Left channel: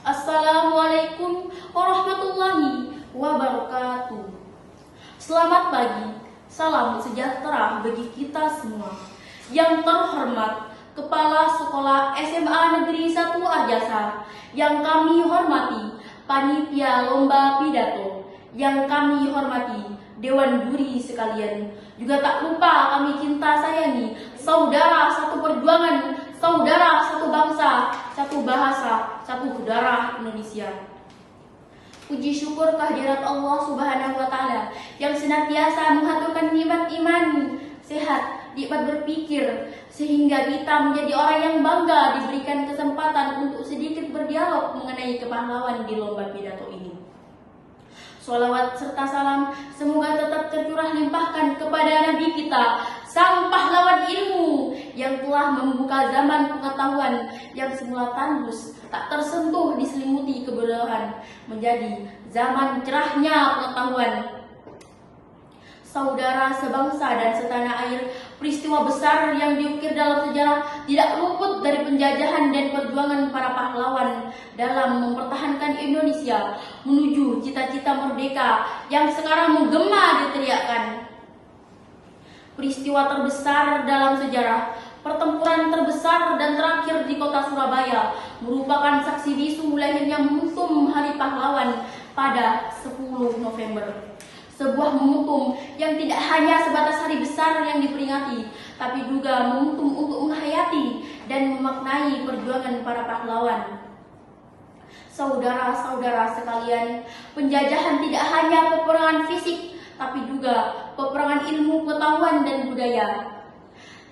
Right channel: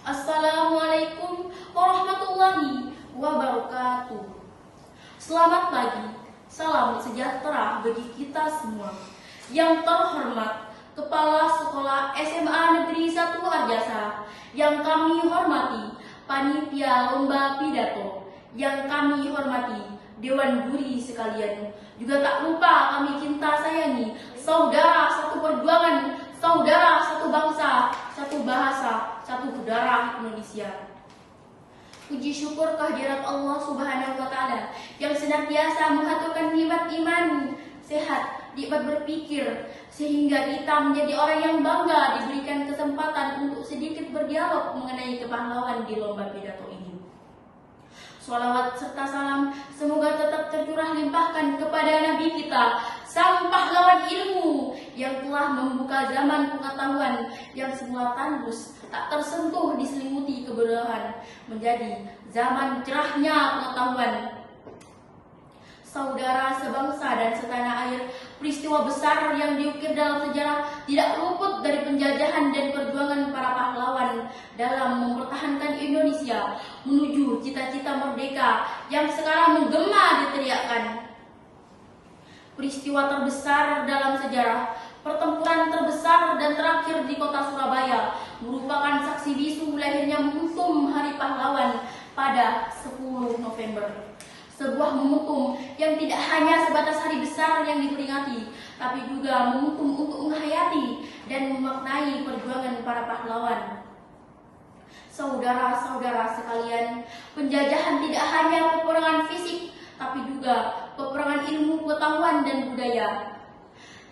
Assalamualaikum warahmatullahi wabarakatuh. Selamat pagi, salam sejahtera bagi kita semua. Yang terhormat Kepala Sekolah SMA Negeri 1 Arjasa, yang kami hormati Panitia Lomba Pidato, yang kami hormati Dewan Juri sekalian, juga tak lupa kami cinta sayangi saudara satu perjuangan, saudara satu bangsa, satu bahasa, satu darah Indonesia. Puji syukur kehadirat Allah Subhanahu wa Ta'ala yang senantiasa mengaturkan nikmat iman, sehat, nikmat berpikir, sehingga kita menjadi orang yang bangga diberikan kesempatan untuk sedikit berdialog mengenai kepahlawanan di lomba pidato ini. Sholawat serta salam semoga tetap tercurah limpahkan kepada Nabi kita, sang pahlawan ilmu yang telah membuka zaman pengetahuan yang semula tandus, tak tersentuh diselimuti kebodohan, menjadi zaman cerahnya pengetahuan. Saudara sebangsa dan setanah air, peristiwa besar yang diukir dalam sejarah tidak luput dari penjajahan dan perjuangan para pahlawan dalam mempertahankan Indonesia menuju cita-cita merdeka yang sekarang menggema diteriakkan. Peristiwa terbesar dalam sejarah, pertempuran terbesar dan terakhir di kota Surabaya, merupakan saksi bisu lahirnya momentum Hari Pahlawan pada 10 November. Sebuah momentum yang tidak hanya sebatas hari besar yang diperingati, tapi juga momentum untuk menghayati dan memaknai perjuangan para pahlawan. Saudara-saudara sekalian, penjajahan tidak hanya peperangan fisik, tapi juga peperangan ilmu, pengetahuan, dan budaya.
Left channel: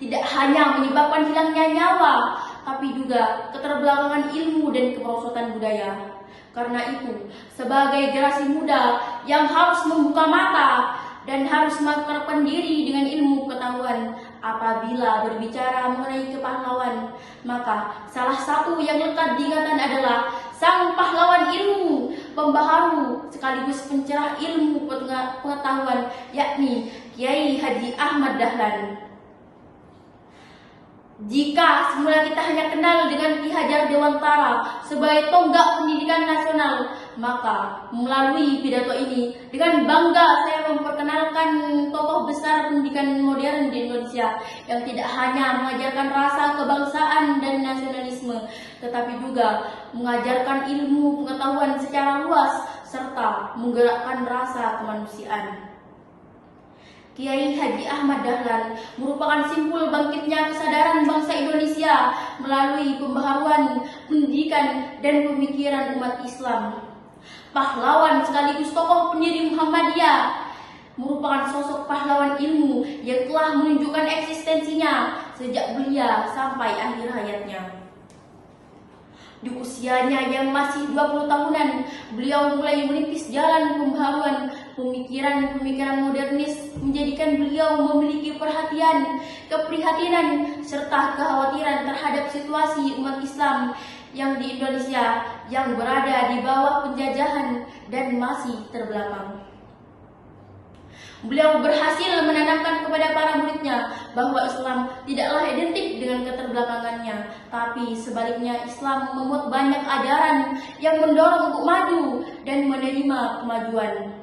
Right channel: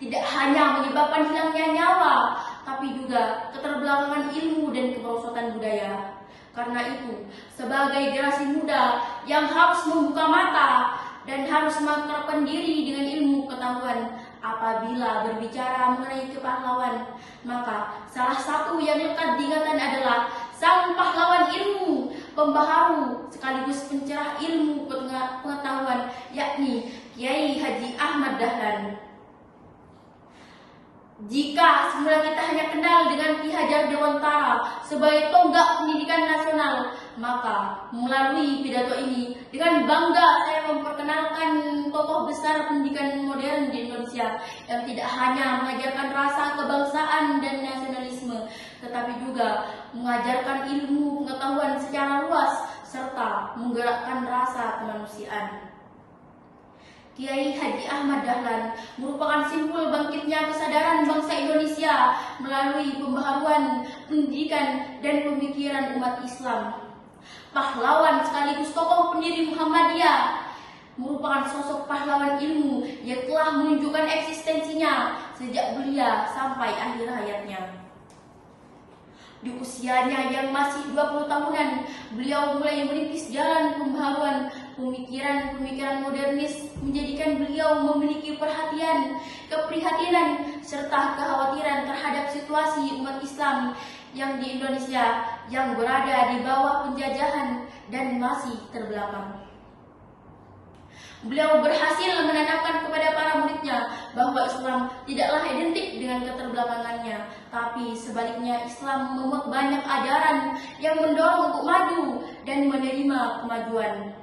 Tidak hanya menyebabkan hilangnya nyawa, tapi juga keterbelakangan ilmu dan kemerosotan budaya. Karena itu, sebagai generasi muda yang harus membuka mata dan harus mengakrabkan diri dengan ilmu pengetahuan, apabila berbicara mengenai kepahlawan, maka salah satu yang lekat diingatan adalah sang pahlawan ilmu, pembaharu sekaligus pencerah ilmu pengetahuan, yakni Kiai Haji Ahmad Dahlan. Jika semula kita hanya kenal dengan Ki Hajar Dewantara sebagai tonggak pendidikan nasional, maka melalui pidato ini dengan bangga saya memperkenalkan tokoh besar pendidikan modern di Indonesia yang tidak hanya mengajarkan rasa kebangsaan dan nasionalisme, tetapi juga mengajarkan ilmu pengetahuan secara luas serta menggerakkan rasa kemanusiaan. Kiai Haji Ahmad Dahlan merupakan simbol bangkitnya kesadaran bangsa Indonesia melalui pembaharuan pendidikan dan pemikiran umat Islam. Pahlawan sekaligus tokoh pendiri Muhammadiyah, merupakan sosok pahlawan ilmu yang telah menunjukkan eksistensinya sejak belia sampai akhir hayatnya. Di usianya yang masih 20 tahunan, beliau mulai merintis jalan pembaharuan pemikiran modernis, menjadikan beliau memiliki perhatian, keprihatinan, serta kekhawatiran terhadap situasi umat Islam yang di Indonesia yang berada di bawah penjajahan dan masih terbelakang. Beliau berhasil menanamkan kepada para muridnya bahwa Islam tidaklah identik dengan keterbelakangannya, tapi sebaliknya Islam memuat banyak ajaran yang mendorong untuk maju dan menerima kemajuan.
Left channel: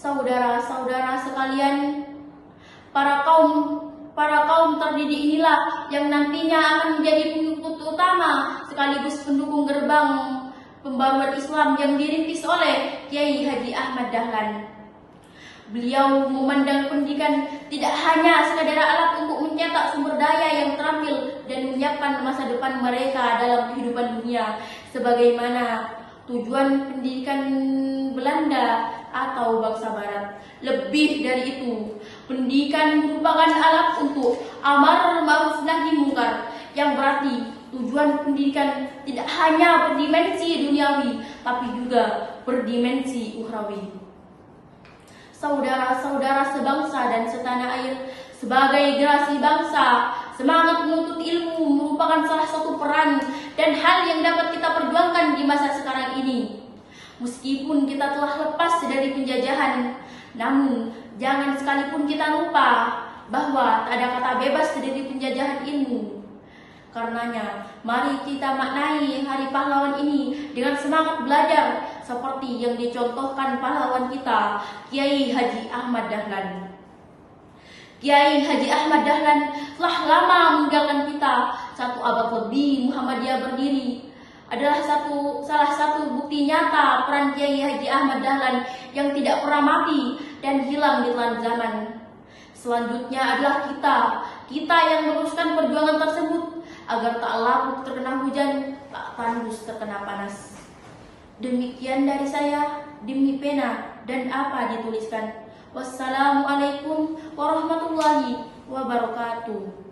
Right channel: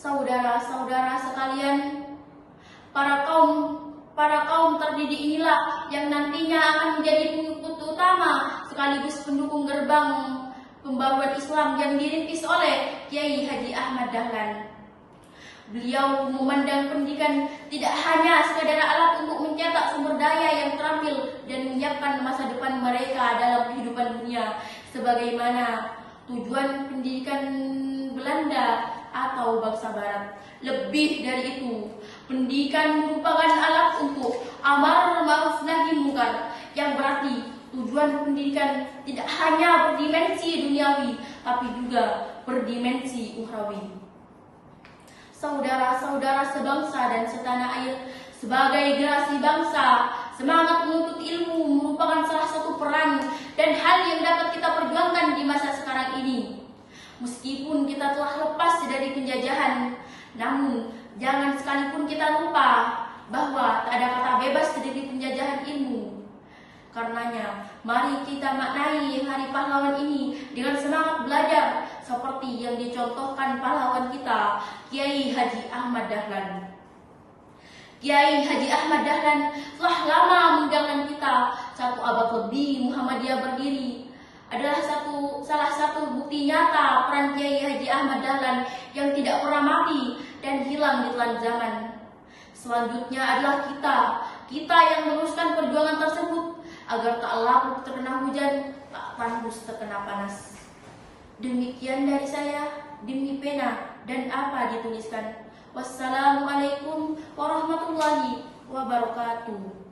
Saudara-saudara sekalian, para kaum terdidik inilah yang nantinya akan menjadi pengikut utama sekaligus pendukung gerbang pembaruan Islam yang dirintis oleh Kiai Haji Ahmad Dahlan. Beliau memandang pendidikan tidak hanya sekadar alat untuk mencetak sumber daya yang terampil dan menyiapkan masa depan mereka dalam kehidupan dunia, sebagaimana tujuan pendidikan Belanda atau bangsa Barat. Lebih dari itu, pendidikan merupakan alat untuk amar ma'ruf nahi mungkar, yang berarti tujuan pendidikan tidak hanya berdimensi duniawi, tapi juga berdimensi ukhrawi. Saudara-saudara sebangsa dan setanah air, sebagai generasi bangsa, semangat menuntut ilmu merupakan salah satu peran dan hal yang dapat kita perjuangkan di masa sekarang ini. Meskipun kita telah lepas dari penjajahan, namun jangan sekalipun kita lupa bahwa tak ada kata bebas dari penjajahan ilmu. Karenanya, mari kita maknai Hari Pahlawan ini dengan semangat belajar seperti yang dicontohkan pahlawan kita, Kiai Haji Ahmad Dahlan. Kiai Haji Ahmad Dahlan telah lama meninggalkan kita. Satu abad lebih Muhammadiyah berdiri adalah salah satu bukti nyata peran Kiai Haji Ahmad Dahlan yang tidak pernah mati dan hilang di telan zaman. Selanjutnya adalah kita yang meneruskan perjuangan tersebut agar tak larut terkena hujan, tak tandus terkena panas. Demikian dari saya, demi pena dan apa dituliskan. Wassalamualaikum warahmatullahi wabarakatuh.